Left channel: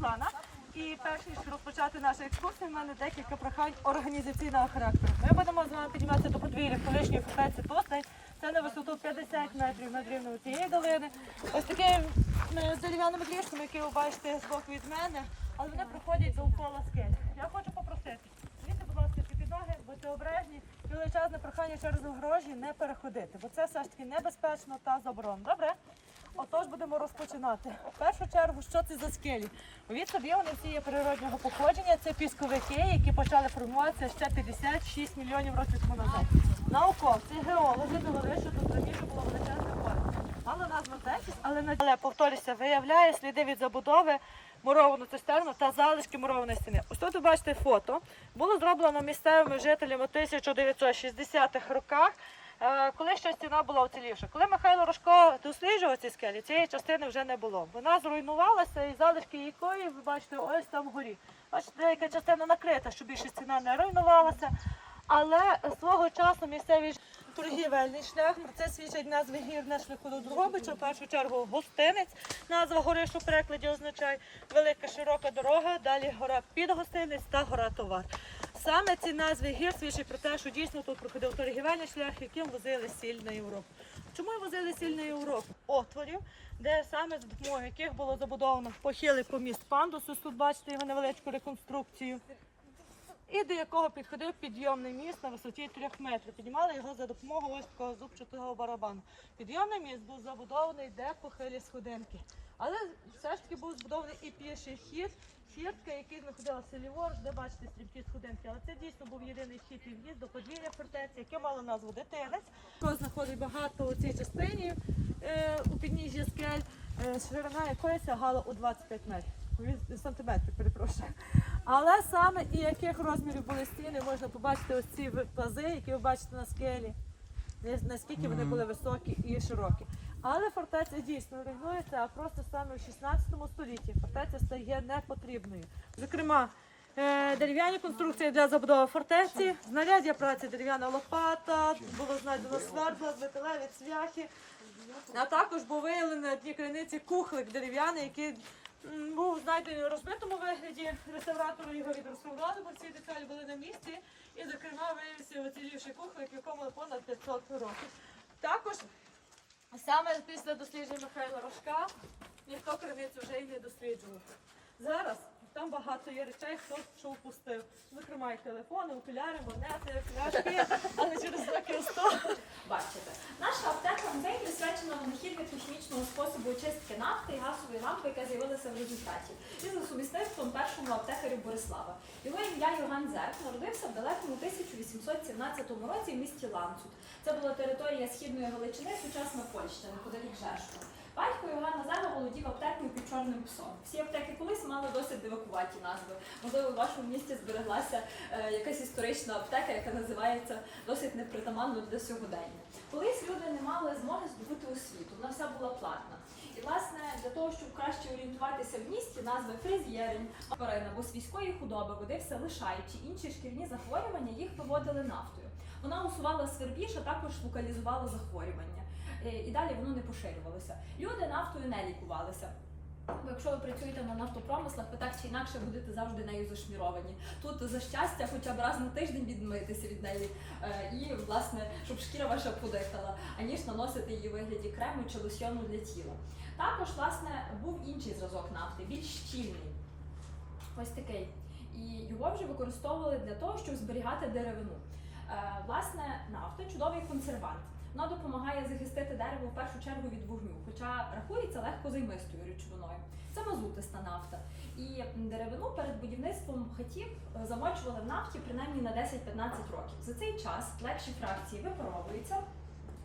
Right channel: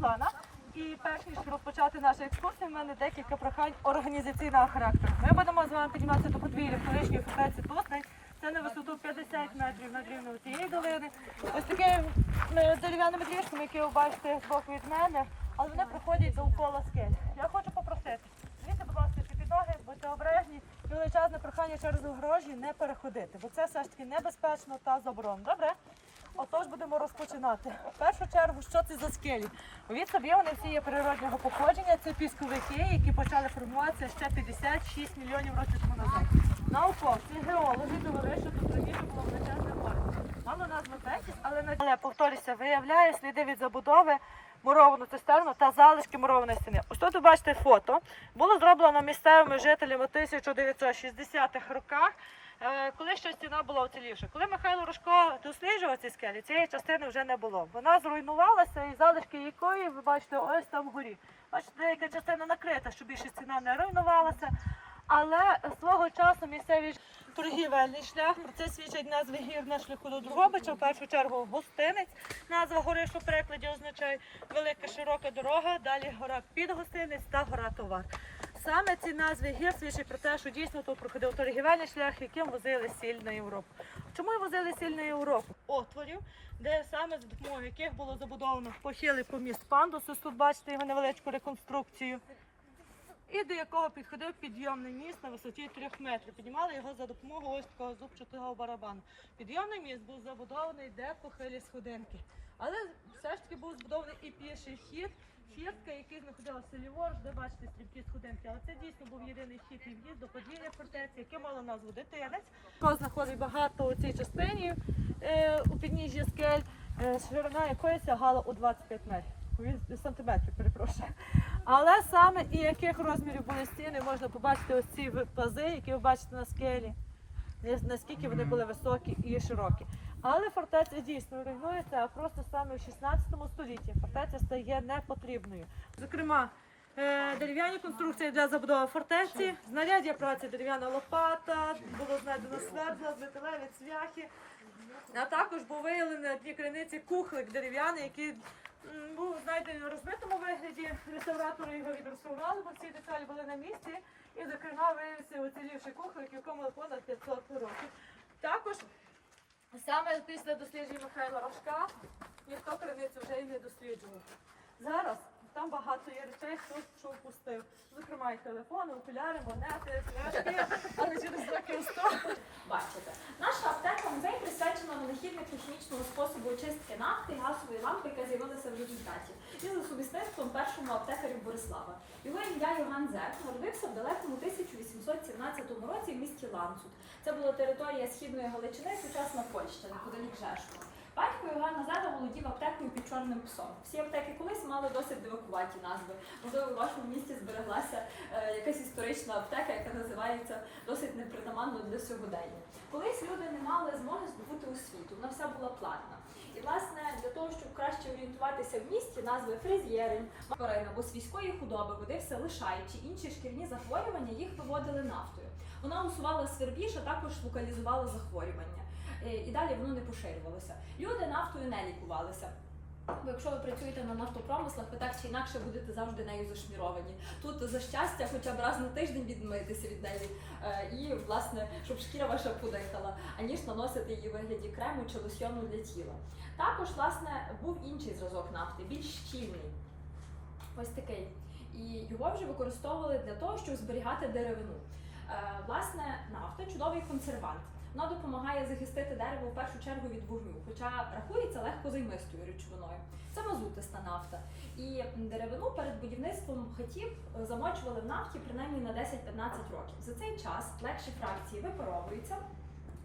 Світлана. І перш ніж розпочати нашу екскурсію, в мене декілька прохань організаційного характеру. Ми будемо з вами підніматися до подвір'я колишньої фортеці Тосний. Це на висоту 50 метрів над рівнем цієї долини. Ось такими е, дерев'яними доріжками, які ви бачите з боку від мене, але вони проходять до пола скель. Я хочу попросити, дивіться, будь ласка, під ноги, будьте обережні. Величезне прохання через огорожі не переходити, бо це все ж таки небезпечно та заборонено. Добре? Отож будемо розпочинати. В першу чергу, що це за скелі? Від собі вони всі є природнього походження. Це пісковики, які почали формуватися ще 56 мільйонів років тому назад. Науковці, геологи довели, що тут було величезне море. Мало назву Тетіс, але на але повторюся, виявляє сліди від забудови муровану цистерну та залишки мурованої стіни. Ось тут ви бачите фото. Було зроблено місцевими жителями 1960-х роках. Е, Коли ще стіна була уцілівша. Коли Михайло Рожко досліджував ці скелі, цієї частини вже не було. Вона зруйнувалася і залишки якої ви бачите ось там вгорі. Бачите, деяка частина накрита, щоб більше стіна не руйнувалася. Але свого часу місцеві торгівельний шлях, це свідчать назви гір на шляху до Дрогобича, в першу чергу гостинець. Назва гори, що перекладі означає велика широка дорога, далі гора під гостинець та гора товар. Саме ці назви гір свідчать про те, що дійсно тут проходив торгівельний шлях, яким возили сіль на Європу. Чому возили сіль на Європу? Отворів, де саме з допомогою яких було забудовано похилий поміст пандус. Ось тут бачите його невеличку реконструкцію. І до якого підходив підйомний міст на висоті 3 метрів. Піднімали його за допомогою ось такого зубчатого барабану. Підйомний міст був забудований де похилі сходинки. Але все ж таки був збудований і піший хід, фіртка, який знаходився ліворуч, де бачите стрімкі сходинки. Але це дійсно був єдиний хід і в'їзд до подвір'я фортеці, яке мало назву дитинець. Знаходить багато у цій частині е, у підніжжі скель, ширина якої сягала у 25 метрів. Сантиметрів, перепрошую. Але саме і яких розмірів були стіни, можна побачити ось ці плази, які ви бачите на скелі, наскільки вони були високі і широкі. Але фортеця дійсно руйнується, а просто саме в 16 столітті фортеця стає непотрібною. Зокрема, е, дерев'яні конструкції для забудови фортеці, знаряддя праці дерев'яна лопата, було знайдено свердла, металеві цвяхи. А також був виявлений дні криниці кухлик дерев'яний, який м, був знайдений у розбитому вигляді. Реставратори його відреставрували, бо всі деталі були на місці. І, зокрема, виявився оцілівший кухлик, якому понад 500 років. Також саме після досліджень Михайла Рожка ніхто криницю вже і не досліджував. Зараз там багато є речей, хто що впустив. Зокрема, і телефони, окуляри, монети, пляшки, але через років 100 Бачите, наша аптека музей присвячена винахідно-технічному способу очистки нафти і газової лампи, яка з'явилася в результаті, і за сумісництвом першому аптекарю Борислава. Його ім'я Йоган Зек народився в далекому 1817 році в місті Ланцут. Це була територія східної Галичини, сучасна Польща, неподалік Жешова. Батько Йоганна Зега володів аптекою під чорним псом. Всі аптеки колись мали досить дивакуваті назви. Можливо, в вашому місті збереглася е, якась історична аптека, яка називається досить непритаманно для сьогодення. Колись люди не мали змоги здобути освіту, вона вся була платна. І власне для того, щоб краще орієнтуватися в місті, назви фризєрень, тварин або свійської худоби водився лишаючи інші шкірні захворювання, їх виводили нафтою. Вона усувала свербіж, а також локалізувала захворювання. Е, І далі воно не поширювалося. Люди нафтою не лікувалися. Бо якщо ви працюєте на нафтопромислах, ви так чи інакше будете завжди нею зашміровані. Тут за щастя, хоча б раз на тиждень відмитися від неї, е, і власне, щоб шкіра ваша подихала, аніж наносити її у вигляді крему чи лосьйону для тіла. Також, власне, був інший зразок нафти, більш щільний. Ось такий. І його вже використовували для того, щоб зберігати деревину. Е, Власне, нафта чудовий консервант. Вона допомагає захистити дерево в першу чергу від вогню, хоча рахується легкозаймистою речовиною. Це мазутиста нафта. І деревину перед будівництвом хатів е, замочували в нафті принаймні на 10-15 років. За цей час легші фракції випаровуються,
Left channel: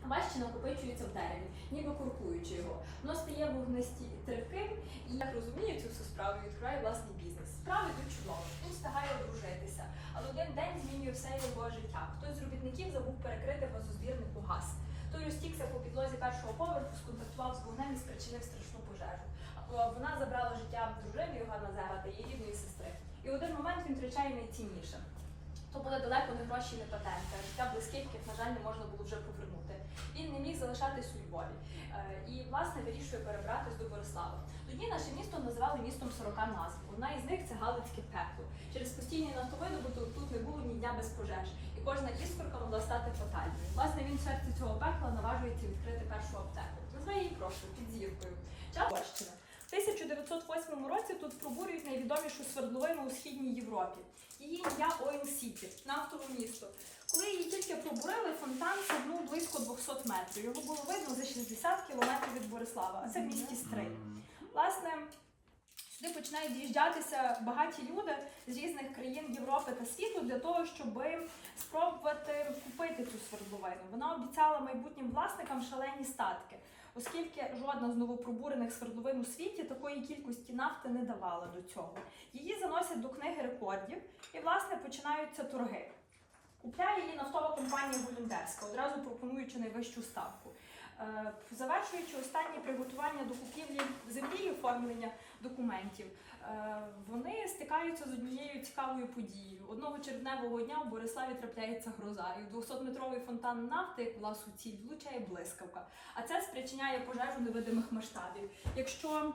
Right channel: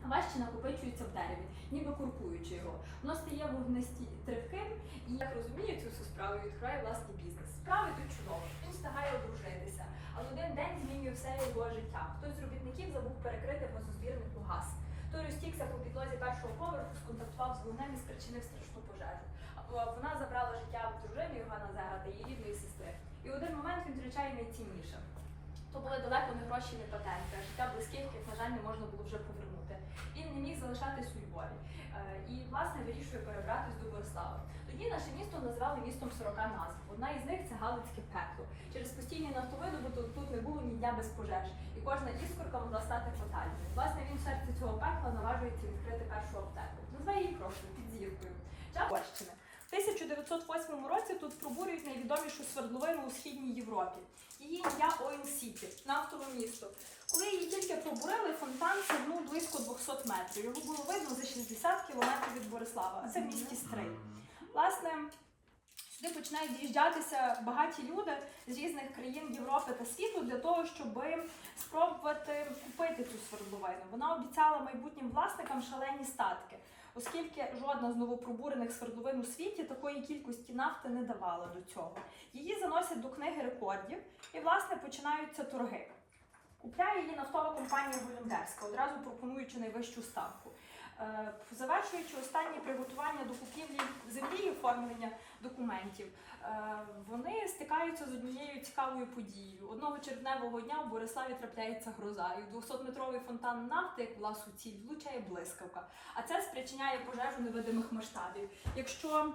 а важчі накопичуються в дереві, ніби куркуючи його. Воно стає вогнестійким і, як розумію, цю всю справу відкриває власний бізнес. Справи йдуть чудово, він встигає одружитися, але один день змінює все його життя. Хтось з робітників забув перекрити газозбірнику газ. Той розтікся по підлозі першого поверху, сконтактував з вогнем і спричинив страшну пожежу. А Вона забрала життя дружини Йогана Зера та її рідної сестри. І в один момент він втрачає найцінніше. То були далеко не гроші, не патенти, життя близьких, яких, на жаль, не можна було вже повернути. Він не міг залишатись у Львові. Е, І, власне, вирішує перебратись до Борислава. Тоді наше місто називали містом 40 назв. Одна із них це Галицьке пекло. Через постійні нафтовидобуток тут не було ні дня без пожеж, і кожна іскорка могла стати фатальною. Власне, він в серці цього пекла наважується відкрити першу аптеку. Назве її просто під зіркою. В 1908 році тут пробурюють найвідомішу свердловину у східній Європі. Її ім'я Ойл Сіті, нафтове місто. Коли її тільки пробурили, фонтан сягнув близько 200 метрів. Його було видно за 60 кілометрів від Борислава, а це в місті Стрий. Власне, сюди починають з'їжджатися багаті люди з різних країн Європи та світу для того, щоб спробувати купити цю свердловину. Вона обіцяла майбутнім власникам шалені статки, оскільки жодна з новопробурених свердловин у світі такої кількості нафти не давала до цього. Її заносять до книги рекордів і, власне, починаються торги. Купляє її нафтова компанія Голюндерська, одразу пропонуючи найвищу ставку. Е, Завершуючи останні приготування до купівлі землі і оформлення документів, е, вони стикаються з однією цікавою подією. Одного червневого дня в Бориславі трапляється гроза, і в 200-метровий фонтан нафти, як була суціль, влучає блискавка. А це спричиняє пожежу невидимих масштабів. Якщо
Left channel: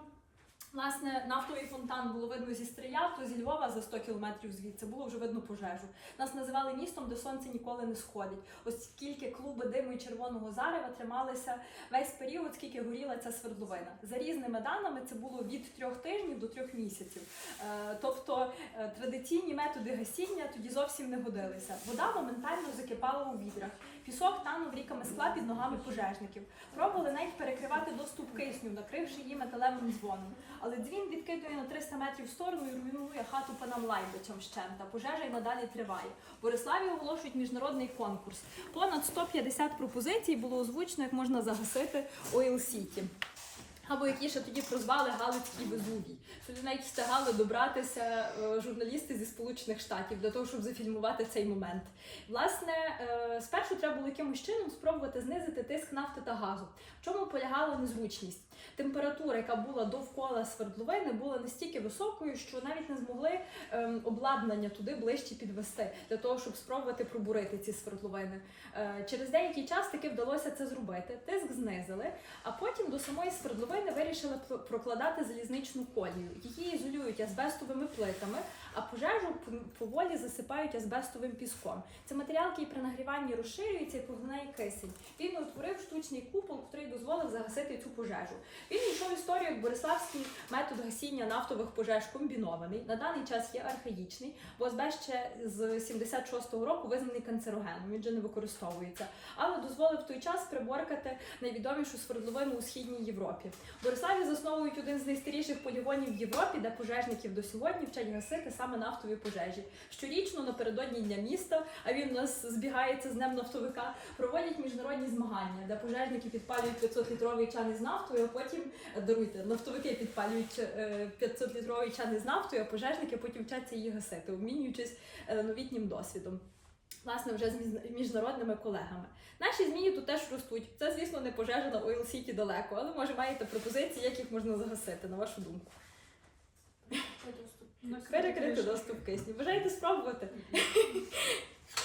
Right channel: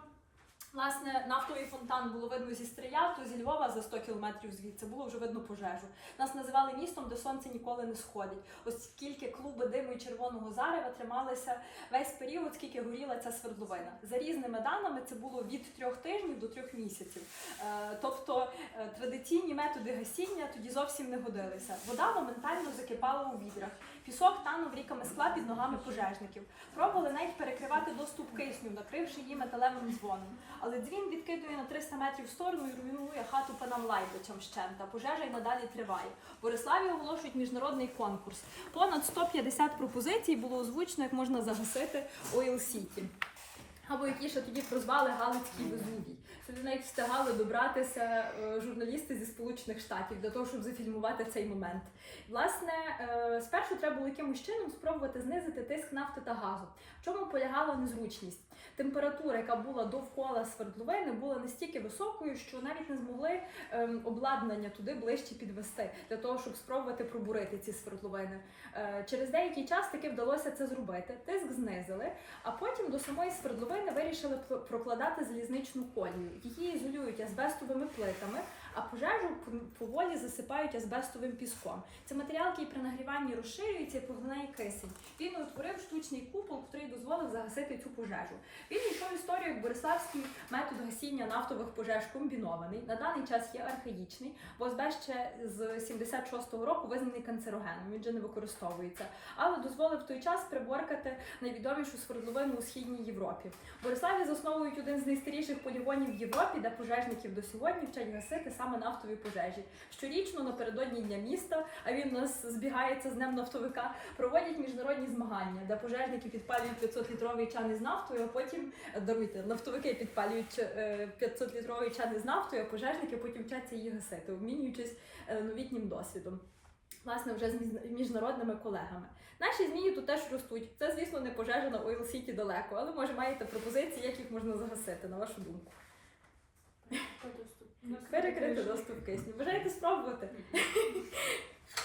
Власне, нафтовий фонтан було видно зі стрия, то зі Львова за 100 кілометрів звідси було вже видно пожежу. Нас називали містом, де сонце ніколи не сходить. Оскільки клуби диму і червоного зарева трималися весь період, скільки горіла ця свердловина. За різними даними, це було від трьох тижнів до трьох місяців. Е, Тобто е, традиційні методи гасіння тоді зовсім не годилися. Вода моментально закипала у відрах. Пісок танув ріками скла під ногами пожежників. Пробували навіть перекривати доступ кисню, накривши її металевим дзвоном. Але дзвін відкидує на 300 метрів в сторону і руйнує хату панам Лайбичам щента. Пожежа й надалі триває. Бориславі оголошують міжнародний конкурс. Понад 150 пропозицій було озвучено, як можна загасити Ойл Сіті. Або які ще тоді прозвали Галицький Везувій. Сюди навіть встигали добратися е, журналісти зі Сполучених Штатів для того, щоб зафільмувати цей момент. Власне, е, спершу треба було якимось чином спробувати знизити тиск нафти та газу. В чому полягала незручність? Температура, яка була довкола свердловини, була настільки високою, що навіть не змогли ем, обладнання туди ближче підвести для того, щоб спробувати пробурити ці свердловини. Е, через деякий час таки вдалося це зробити. Тиск знизили, а потім до самої свердловини вирішили прокладати залізничну колію. Її ізолюють азбестовими плитами, а пожежу поволі засипають азбестовим піском. Це матеріал, який при нагріванні розширюється і поглинає кисень. Він утворив штучний купол, який дозволив загасити цю пожежу. Він йшов історію як Бориславський метод гасіння нафтових пожеж комбінований. На даний час є архаїчний, бо азбест ще з 76-го року визнаний канцерогеном. Він вже не використовується, але дозволив в той час приборкати найвідомішу свердловину у східній Європі. Бориславі засновують один з найстаріших полігонів в Європі, де пожежників до сьогодні вчать гасити саме нафтові пожежі. Щорічно напередодні дня міста, а він у нас збігається з днем нафтовика, проводять міжнародні змагання, де пожежники підпалюють 500-літровий чан із нафтою, а потім е, даруйте, нафтовики підпалюють е, 500-літровий чан із нафтою, а пожежники потім вчаться її гасити, обмінюючись е, новітнім досвідом. Власне, вже з між- міжнародними колегами. Наші змії тут теж ростуть. Це, звісно, не пожежа на Ойл Сіті далеко, але може маєте пропозиції, як їх можна загасити, на вашу думку. Перекрити доступ кисню. Бажаєте спробувати?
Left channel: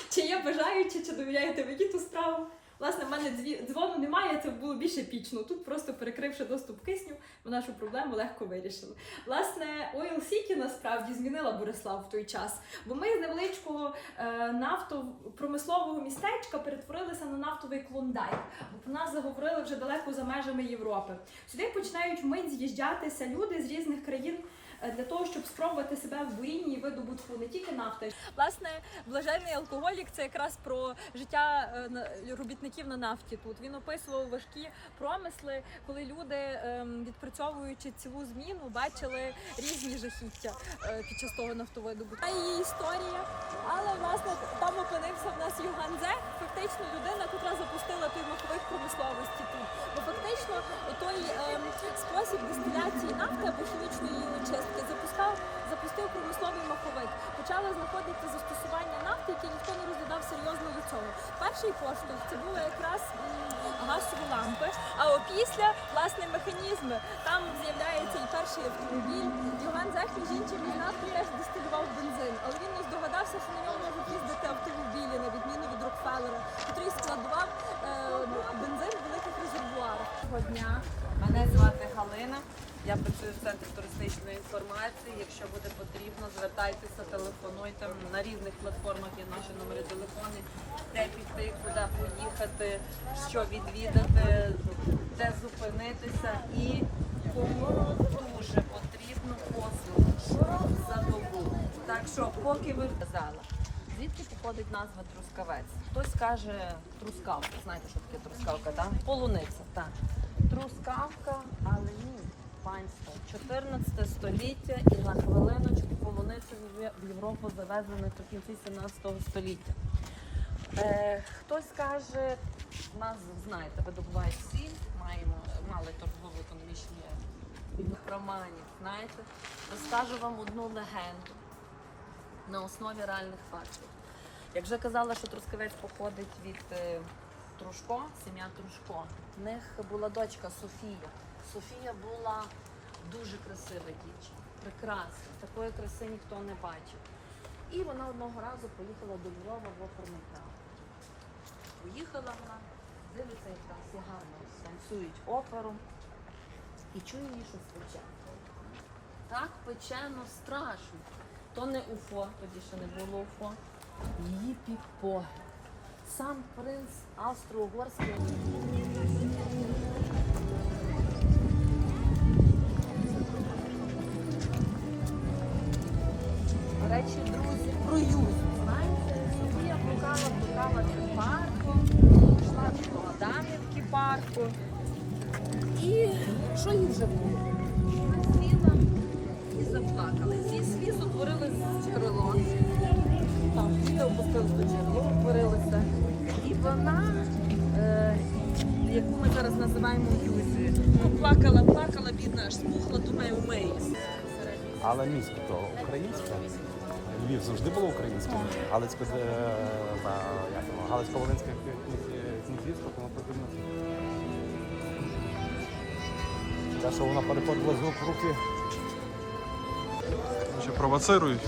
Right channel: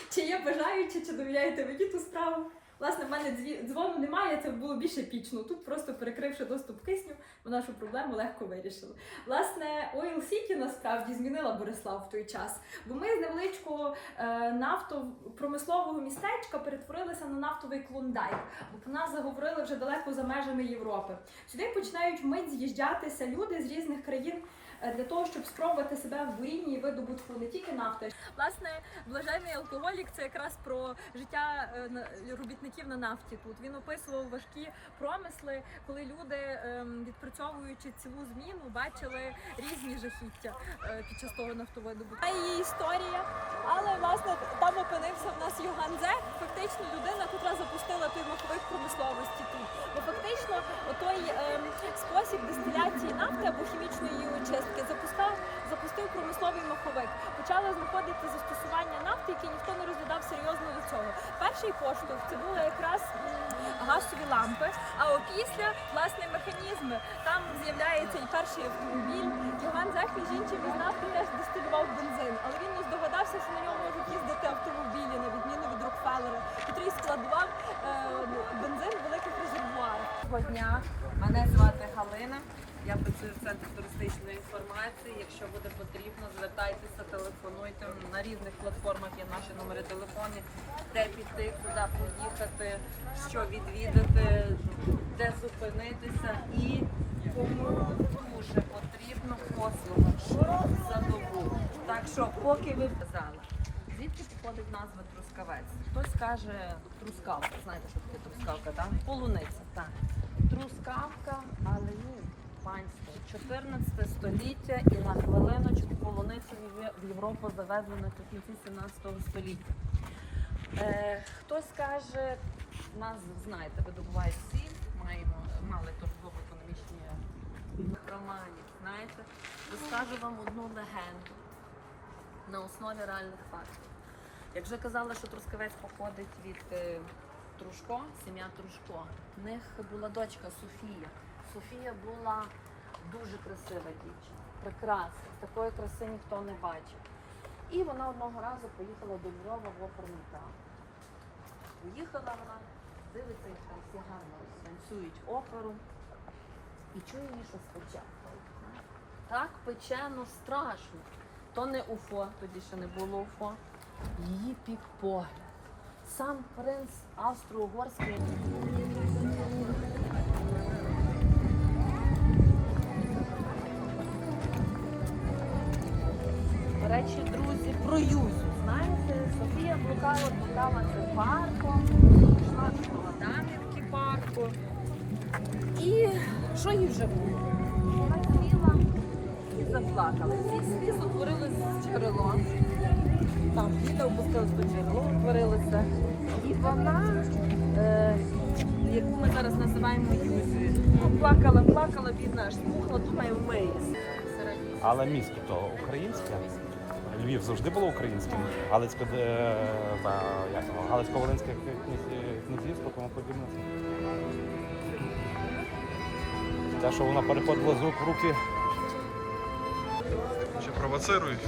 Чи є бажаючі, чи довіряєте мені ту справу? Власне, в мене дзвону немає, це було більше пічно. Тут просто перекривши доступ кисню, ми нашу проблему легко вирішили. Власне, Oil City насправді змінила Борислав в той час, бо ми з невеличкого е, нафтопромислового містечка перетворилися на нафтовий клондайк, бо про нас заговорили вже далеко за межами Європи. Сюди починають вмить з'їжджатися люди з різних країн для того, щоб спробувати себе в бурінні видобутку не тільки нафти. Власне, блаженний алкоголік це якраз про життя е, робітників на нафті. Тут він описував важкі промисли, коли люди, ем, відпрацьовуючи цілу зміну, бачили різні жахіття е, під час того нафтовидобутку. Її історія, але власне там опинився в нас Юган Зек, фактично людина, яка запустила той маховик промисловості тут. Бо фактично той ем, спосіб дистиляції нафти або хімічної її очистки нафти, запускав, запустив промисловий маховик, почали знаходити застосування нафти, які ніхто не розглядав серйозно до цього. Перший поштовх це були якраз газові лампи. А опісля власне механізми там з'являється і перший автомобіль. Іван Захід жінчим із нас теж дистилював бензин, але він не здогадався, що на ньому можуть їздити автомобілі, на відміну від Рокфеллера, котрий складував е, бензин в великих резервуарах. Дня мене звати Галина. Я працюю в центрі туристичної інформації. Якщо буде потрібно, звертайтеся, телефонуйте. На різних платформах є наші номери телефонів, де піти, куди поїхати, що відвідати, де зупинитися і кому дуже потрібно послуги, що за добу. Так що, поки ви казали, звідки походить назва трускавець? Хтось каже трускавка. Знаєте, що таке трускавка, так? Полуниця, так. Трускавка. 14 століття і на хвилиночку полуницю в- Європу завезли не в кінці 17 століття. Е, хтось каже, нас знаєте, видобувають сіль, маємо, мали торгово-економічні романів, знаєте. Розкажу вам одну легенду на основі реальних фактів. Як вже казала, що Трускавець походить від е, Трушко, сім'я Трушко. В них була дочка Софія. Софія була дуже красива дівчина, прекрасна. Такої краси ніхто не бачив. І вона одного разу поїхала до Львова в театр. Поїхала вона, дивиться, як там всі гарно танцюють оперу. І чує її щось пече. Так печено страшно. То не Уфо, тоді ще не було Уфо. Її під погляд. Сам принц Австро-Угорський. Але місто то українське. Львів завжди було українським. Е, Галицько-Волинське князівство конкретивно. Те, що вона переходила з рук в руки. Вже провоцирують.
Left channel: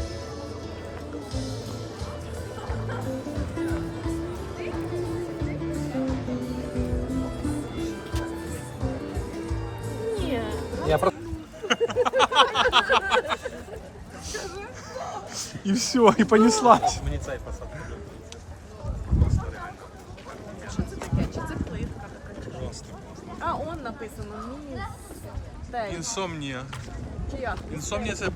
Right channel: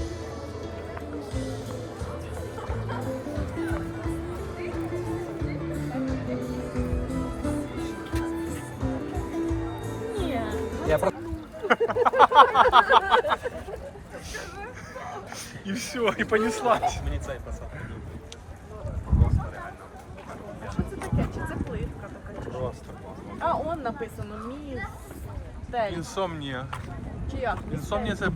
Ні, Я просто І все, і понеслась. Просто класно. а он написано міс. Інсомнія. Інсомнія це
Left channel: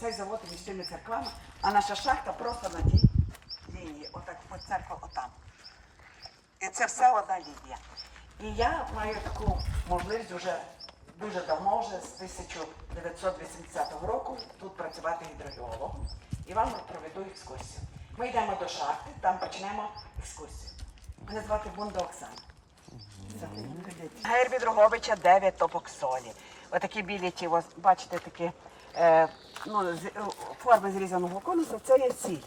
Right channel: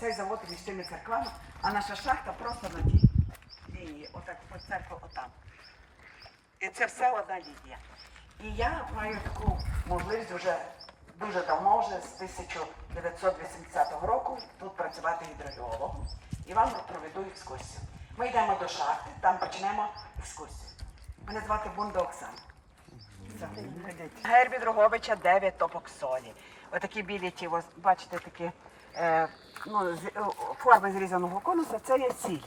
Цей завод між цими церквами, а наша шахта просто на тій лінії, отак по церква отам. І це все одна лінія. І я маю таку можливість вже дуже давно, вже з 1980 року тут працювати гідрогеологом. І вам проведу екскурсію. Ми йдемо до шахти, там почнемо екскурсію. Мене звати Бунда Оксана. Все, ходіть. Гербі Дроговича 9 топок солі. Отакі білі ті, ось, бачите, такі е, ну, з, е, форми зрізаного конуса, це є сіль.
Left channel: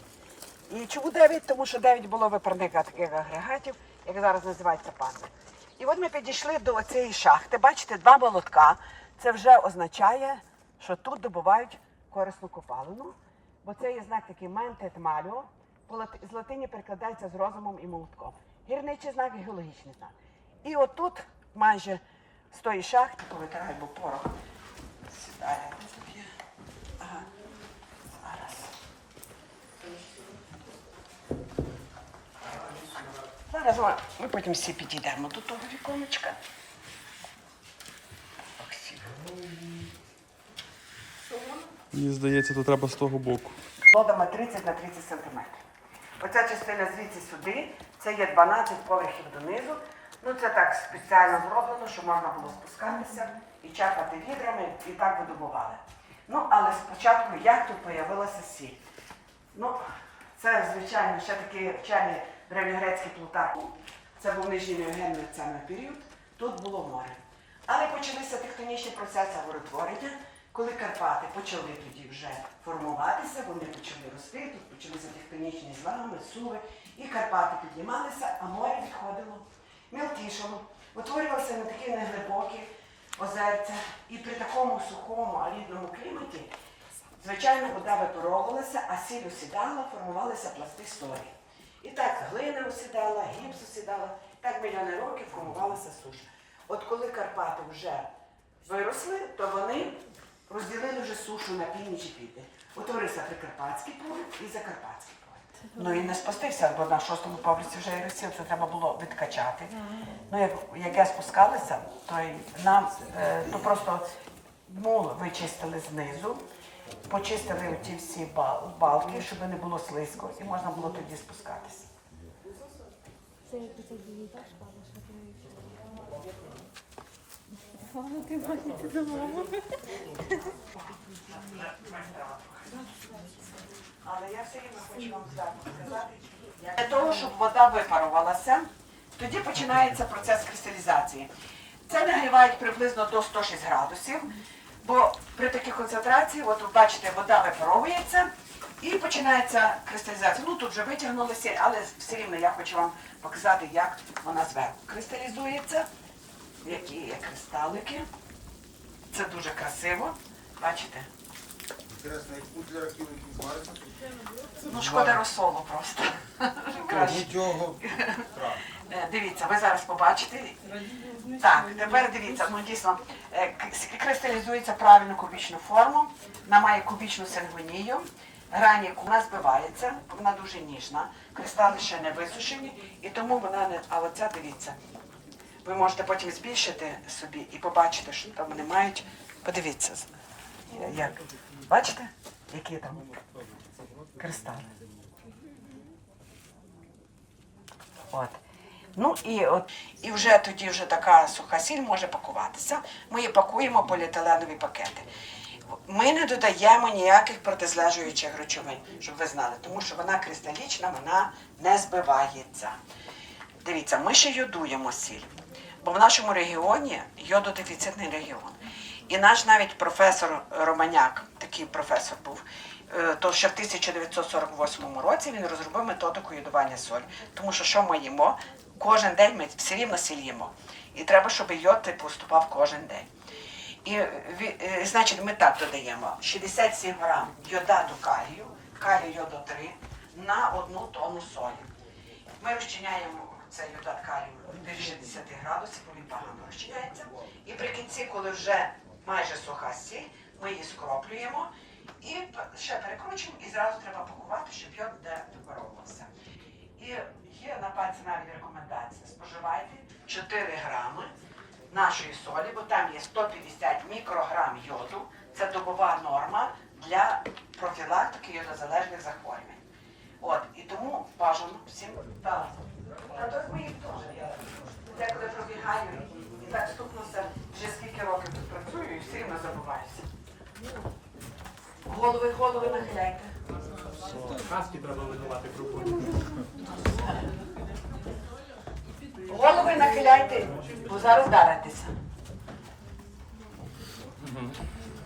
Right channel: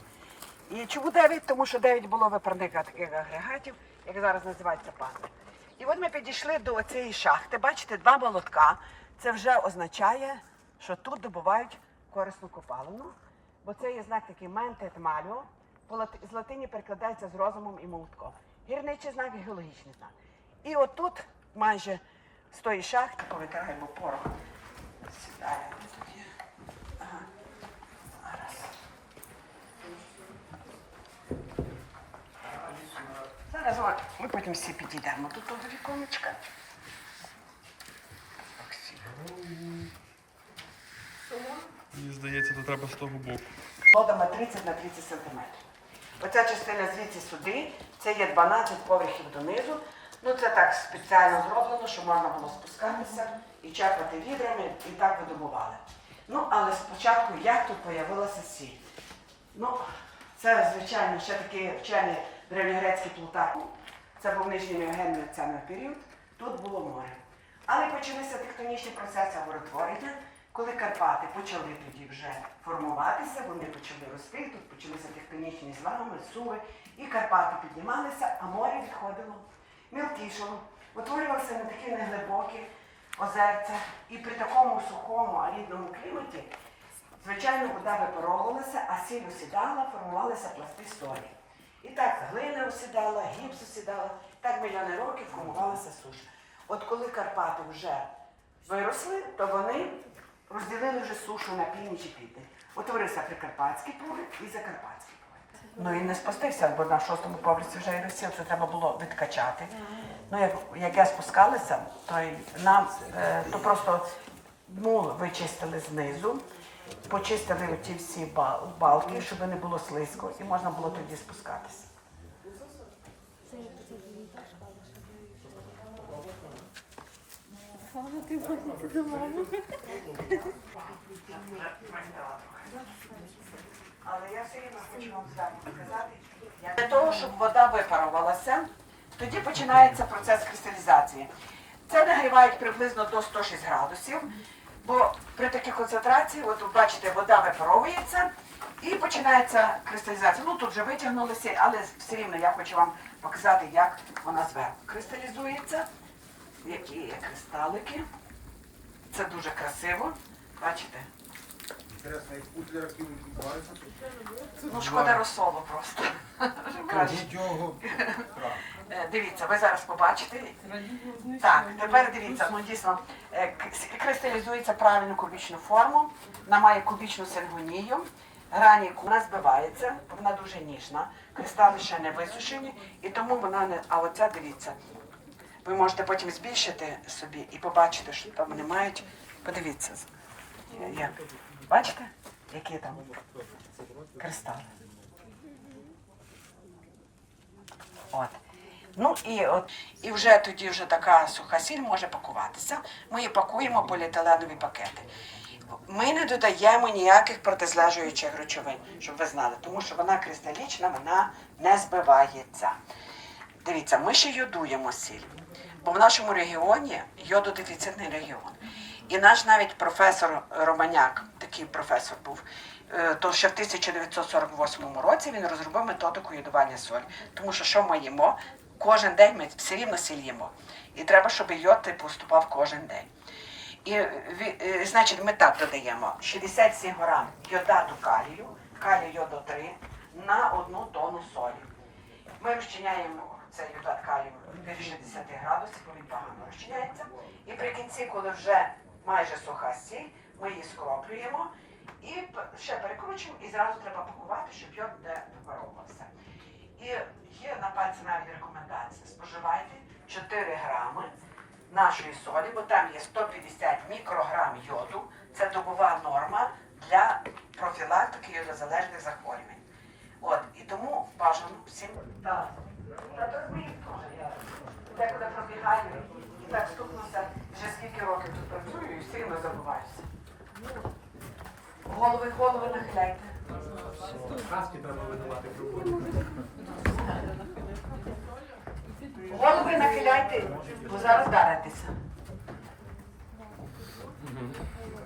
І чому 9? Тому що 9 було випарника таких агрегатів, як зараз називається пазли. І от ми підійшли до цієї шахти. Бачите, два молотка. Це вже означає, що тут добувають корисну копалину, бо це є знак такий ментет лати- з латині перекладається з розумом і молотком. Гірничий знак і геологічний знак. І отут майже з тої шахти повитираємо порох. Сідає. Зараз ми потім всі підійдемо до того віконечка. Мені здається, то треба з того боку. Лодами 30 на 30 сантиметрів. Оця частина звідси сюди, це є 12 поверхів донизу. Ну це так спеціально зроблено, щоб можна було спускатися і чапати відрами, і так видобували. Ну, але спочатку як тут з'явилася сіль? Ну, це, звичайно, ще такий вчений древньогрецький Плутарх. Це був нижній неогенний період. Тут було море. Але почалися тектонічні процеси горотворення, коли Карпати почали тоді вже формуватися, вони почали рости, тут почалися тектонічні злами, суви, і Карпати піднімалися, а море відходило, мілкішало, утворювалося на такі неглибокі озерця. І при такому сухому, арідному кліматі, звичайно, вода випаровувалася, а сіль осідала, формувалися пласти столі. І так глина осідала, гіпс осідала, так мільйони років формувалася суша. От коли Карпати вже виросли, то вони розділили вже сушу на північ і південь. Утворився Прикарпатський погляд і Закарпатський погляд. Ну він не спустився, бо на шостому поверсі вже і розсіл, це треба було відкачати. Ну, як, як я спускалася, то й нам е, то просто мул вичистили знизу, почистили оті всі ба- балки, щоб не було слизько, і можна було тоді спускатися. Але я все рівно хочу вам сказати. Для того, щоб вода випарувалася, тоді починається процес кристалізації. Це нагрівають приблизно до 106 градусів, бо при такій концентрації, от ви бачите, вода випаровується і починається кристалізація. Ну тут вже витягнулися, але все рівно я хочу вам показати, як вона зверху кристалізується, які є кристалики. Це дуже красиво. Бачите? Ну, шкода розсолу просто. Краще. Дивіться, ви зараз побачите. Так, тепер дивіться, ну дійсно е, кристалізується правильну кубічну форму, вона має кубічну сингонію, грані вона збивається, вона дуже ніжна, кристали ще не висушені, і тому вона не. А оця дивіться. Ви можете потім збільшити собі і побачити, що там вони мають. Подивіться. Як. Бачите, які там кристали. От. Ну і от і вже тоді вже така суха сіль може пакуватися. Ми її пакуємо поліетиленові пакети. Ми не додаємо ніяких протизлежуючих речовин, щоб ви знали, тому що вона кристалічна, вона не збивається. Дивіться, ми ще йодуємо сіль, бо в нашому регіоні йододефіцитний регіон. І наш навіть професор Романяк, такий професор був, е, то ще в 1948 році він розробив методику йодування солі. Тому що що ми їмо? Кожен день ми все рівно сіль їмо. І треба, щоб йод поступав кожен день. І е, значить, ми так додаємо 67 грам йодату калію, калію йоду 3 на одну тонну солі. Ми розчиняємо цей йодат калію до 60 градусів, бо він погано розчиняється. І при кінці, коли вже майже суха сіль, ми її скроплюємо і ще перекручуємо, і зразу треба пакувати, щоб йод не випаровувався. І є на пальці навіть рекомендація. Споживайте 4 грами нашої солі, бо там є 150 мікрограм йоду. Це добова норма для профілактики йодозалежних захворювань. От, і тому бажано всім. Та то ми їх теж. Деколи пробігаю і так стукнувся, вже скільки років тут працюю і все рівно забуваюся. Голови, голови нахиляйте. Каски треба видавати проходити. Голови нахиляйте, бо зараз даритеся.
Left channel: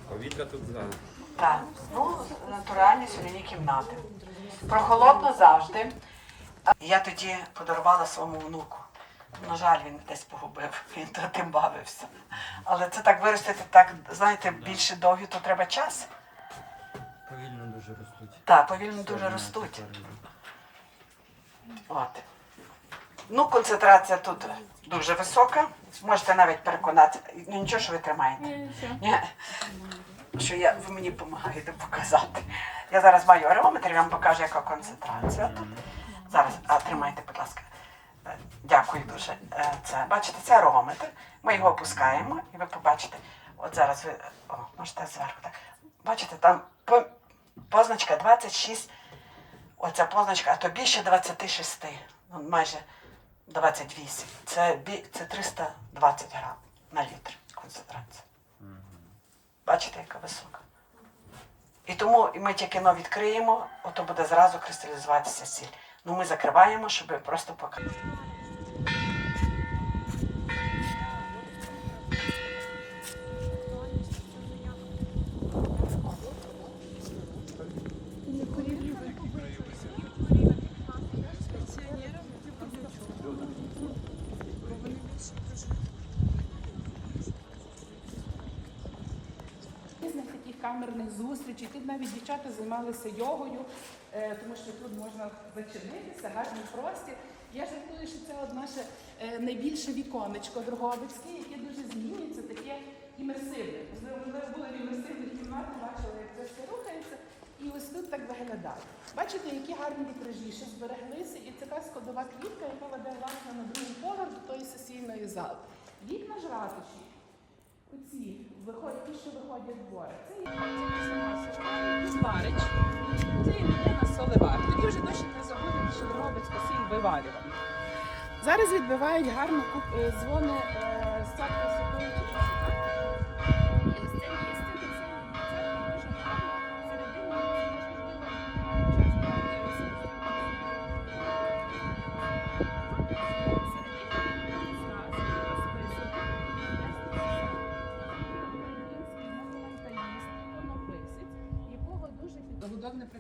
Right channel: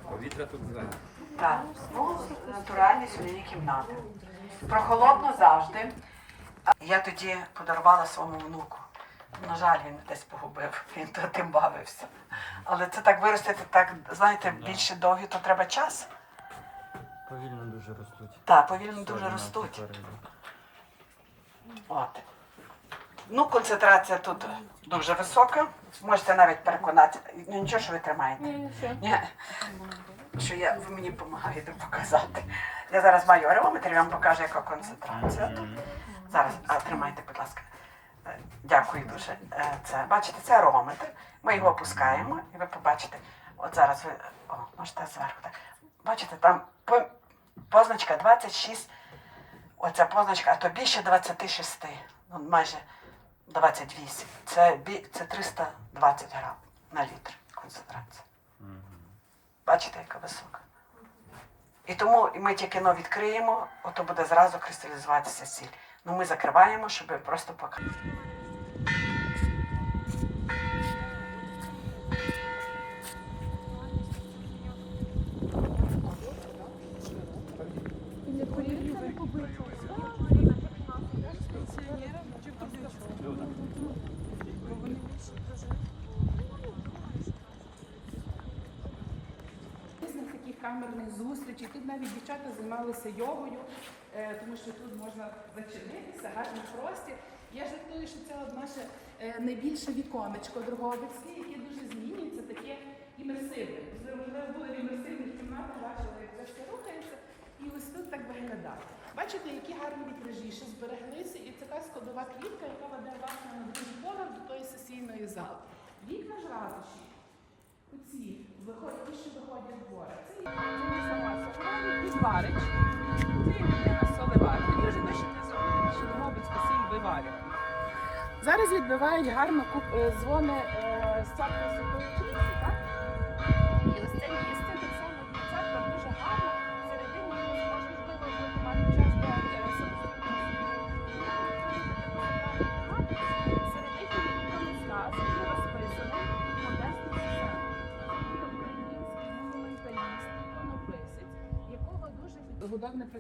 Повітря тут зелене. Так, ну, натуральні соляні кімнати. Прохолодно завжди. Я тоді подарувала своєму внуку. На жаль, він десь погубив, він то тим бавився. Але це так виростити, так, знаєте, більше довгі, то треба час. Повільно дуже ростуть. Так, повільно дуже ростуть. От. Ну, концентрація тут дуже висока. Можете навіть переконати. Ну нічого, що ви тримаєте. Ні. Що я, ви мені допомагаєте показати. Я зараз маю ареометр, я вам покажу, яка концентрація тут. Зараз, а тримайте, будь ласка. Е, Дякую дуже. Е, Це, бачите, це ареометр. Ми його опускаємо і ви побачите. От зараз ви о, можете зверху так. Бачите, там по- позначка 26. Оця позначка, а то більше 26. Ну, майже 28. Це, це 320 грам на літр концентрація. Бачите, яка висока. І тому ми тільки но відкриємо, ото буде зразу кристалізуватися сіль. Ну ми закриваємо, щоб просто показати. камерних зустрічей. Тут навіть дівчата займалися йогою, тому що тут можна зачинитися, гарний простір. Я жартую, що це наше найбільше віконечко другого Дрогобицьке, яке дуже змінюється, таке імерсивне. У нас були в імерсивних кімнатах, бачили, як трошки рухається, і ось тут так виглядає. Бачите, які гарні вітражі, що збереглися, і така складова квітка, яка веде власне на другий поверх до тої сесійної зали. Вікна ж ратуші. Оці виходять, ті, що виходять двоє. Це є Варич. Це є дуже не забудемо, що робить посіль виварювати. Зараз відбивають гарно е, дзвони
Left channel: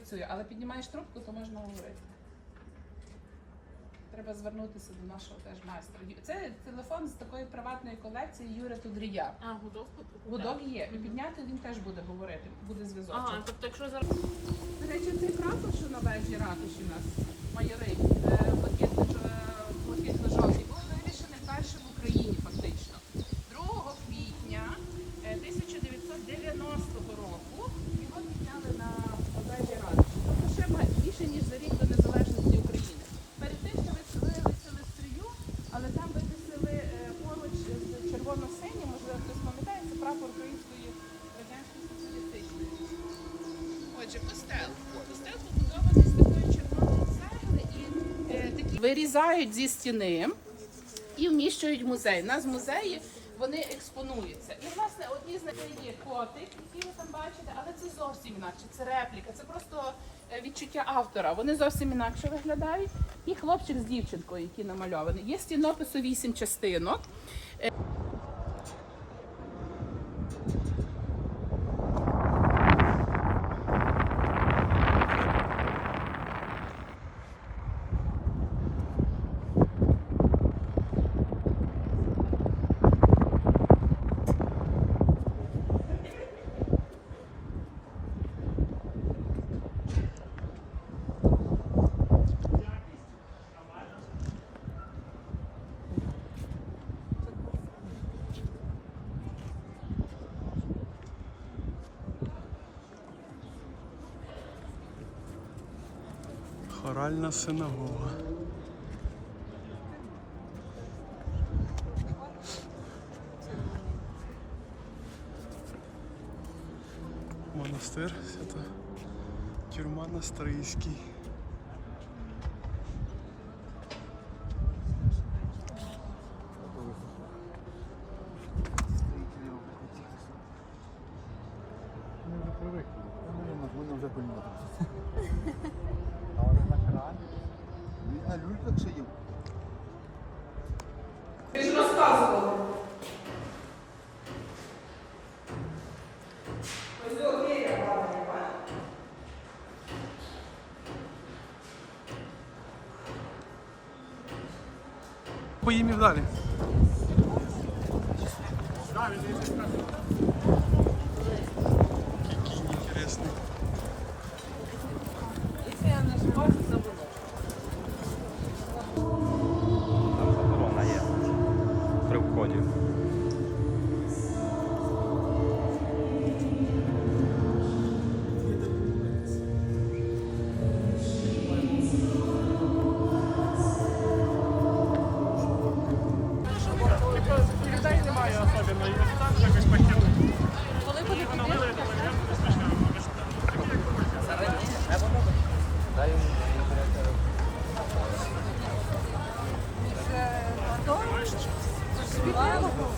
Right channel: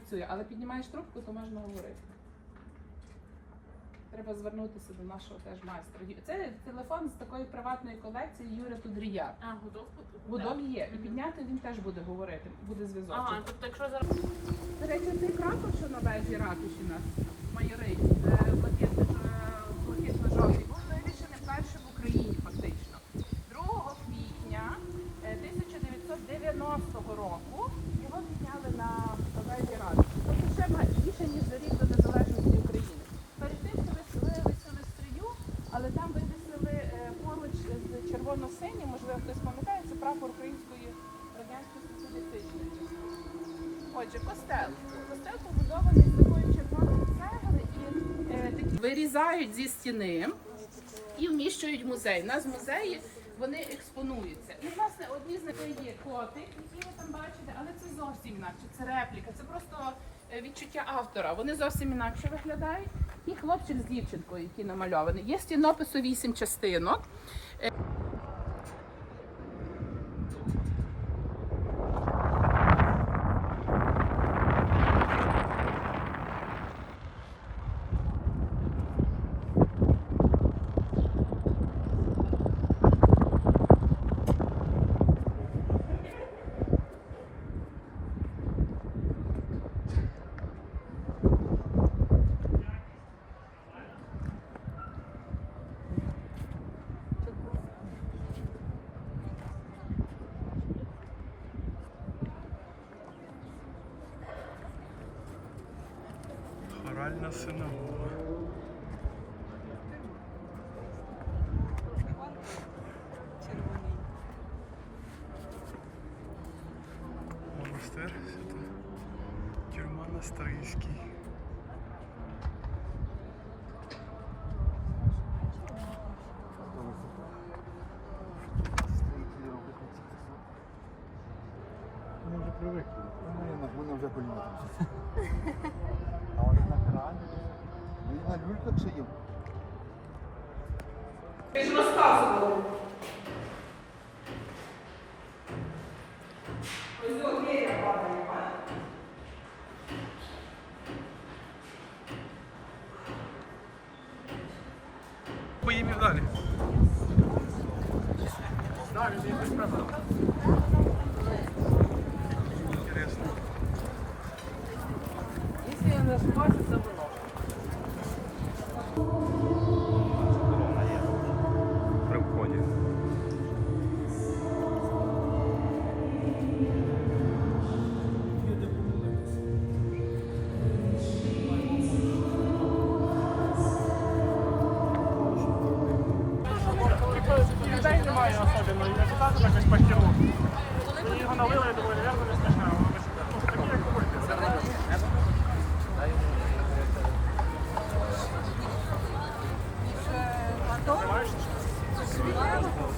працює, але піднімаєш трубку, то можна говорити. Треба звернутися до нашого теж майстра. Це телефон з такої приватної колекції Юра Тудрія. А, гудок Гудок є. І підняти він теж буде говорити, буде зв'язок. Ага, тобто якщо зараз До речі, цей прапор, що на вежі ракуші у нас, майори, е, блакитно- е, блакитно-жовтий, був вивішений вперше в Україні фактично. 2 квітня е, 1990 року його підняли на вежі ратуші. Це ще ма- більше, ніж за рік до незалежності України. Перед тим, що виселилися в стрію, але там вивісили е, поруч з червоно-синім, можливо, хтось пам'ятає, це прапор Української радянської соціалістичної. Отже, костел. Костел побудований з такої червоної цегли і е, такі вирізають зі стіни і вміщують в музей. У нас в музеї вони експонуються. І власне одні з них є котик, які ви там бачите, але це зовсім інакше. Це репліка, це просто е, відчуття автора. Вони зовсім інакше виглядають. І хлопчик з дівчинкою, які намальовані. Є стінопису вісім частинок. Хоральна синагога. Монастир свята. Тюрма на Поїмів далі. Який Спасибо.